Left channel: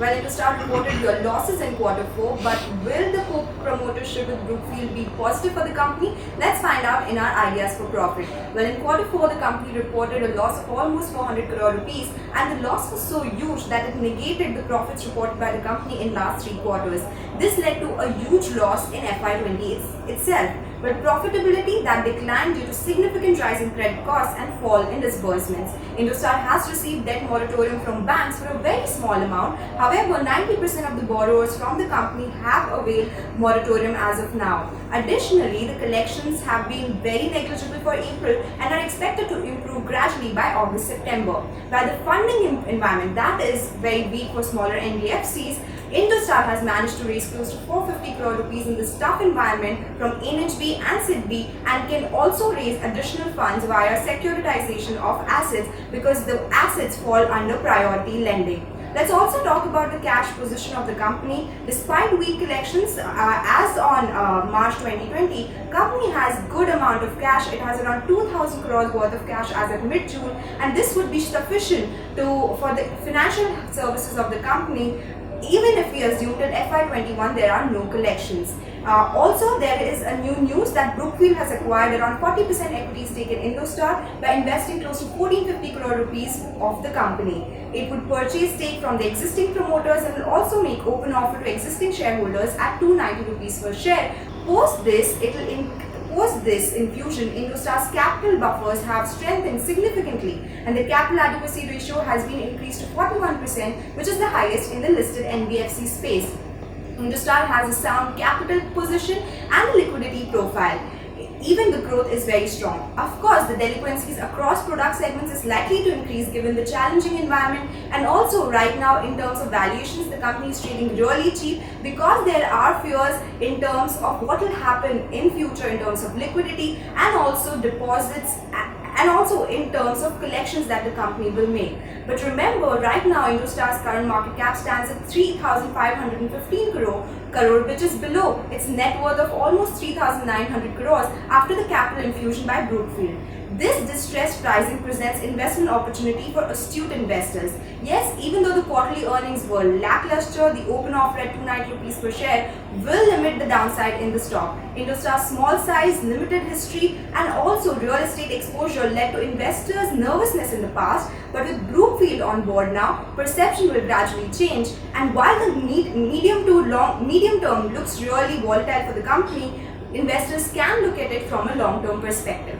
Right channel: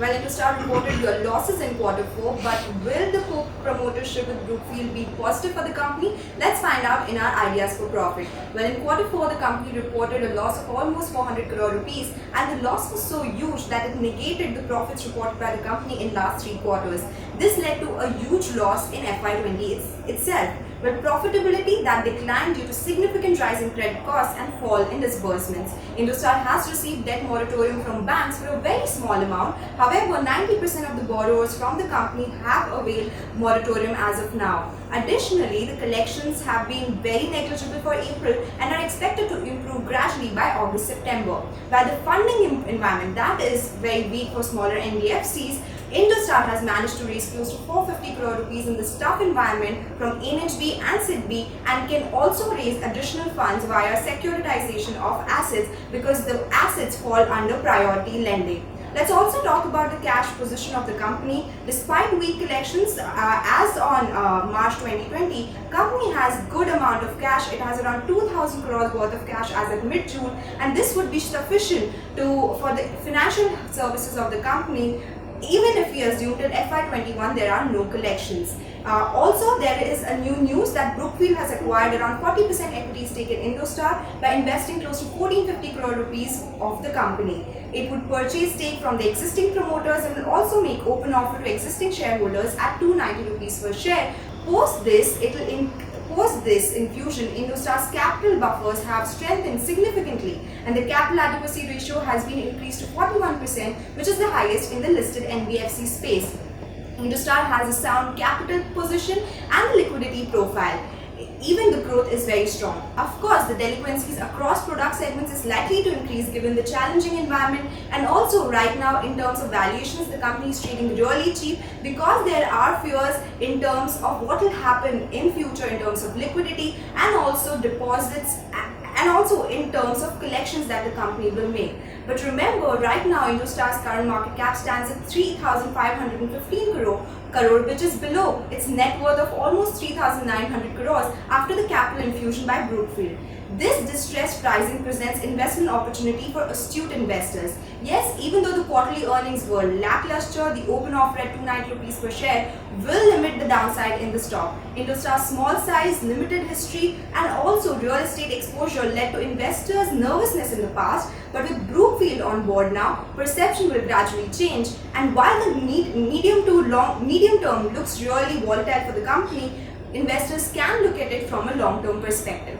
Well, Indostar reported your losses in Q4, but will the promotership with Brookfield be positive for the company? Let's find out in our ideas for profit. Well, in Q4, the company reported a loss of almost 400 crore rupees, and the loss was so huge that it negated the profits reported by the company in last 3 quarters. This led to a huge loss in FY20 itself, with profitability that declined due to significant rise in credit costs and fall in disbursements. Indostar has received debt moratorium from banks for a very small amount. However, 90% of the borrowers from the company have availed moratorium as of now. Additionally, the collections have been very negligible for April and are expected to improve gradually by August-September. While the funding environment that is very weak for smaller NBFCs, Indostar has managed to raise close to 450 crore rupees in this tough environment from NHB and SIDBI, and can also raise additional funds via securitization of assets because the assets fall under priority lending. Let's also talk about the cash position of the company. Despite weak collections, as on March 2020, company has good amount of cash. It has around 2,000 crores worth of cash as of mid-June, and this would be sufficient for the financial services of the company. Even if we assume till FY21 there are no collections. Also, there is a new news that Brookfield has acquired around 40% equity stake in Indostar by investing close to 1450 crore rupees of the company. It would purchase stake from the existing promoters and will also make open offer to existing shareholders at 290 rupees per share. Post this infusion, Indostar's capital buffers have strengthened significantly, and the capital adequacy ratio has been increased to 41%, which is the highest in the listed NBFC space. Indostar has a sound capital position and liquidity profile. Even the growth is very strong. Of course, the delinquencies across product segments is likely to increase given the challenging environment, and also right now in terms of valuations, the company is trading really cheap because there are fears in terms of what will happen in future in terms of liquidity and also deposits, and also in terms of collections that the company will make. But remember, right now Indostar's current market cap stands at 3,515 crore, which is below its net worth of almost 3,900 crores after the capital infusion by Brookfield. This distressed pricing presents investment opportunity for astute investors. Yes, even though the quarterly earnings were lackluster, the open offer at 290 rupees per share will limit the downside in the stock. Indostar's small size, limited history, and also real estate exposure led to investors' nervousness in the past, but with Brookfield on board now, perception will gradually change, and while the medium term looks really volatile for the company, investors can look at it from a long-term perspective.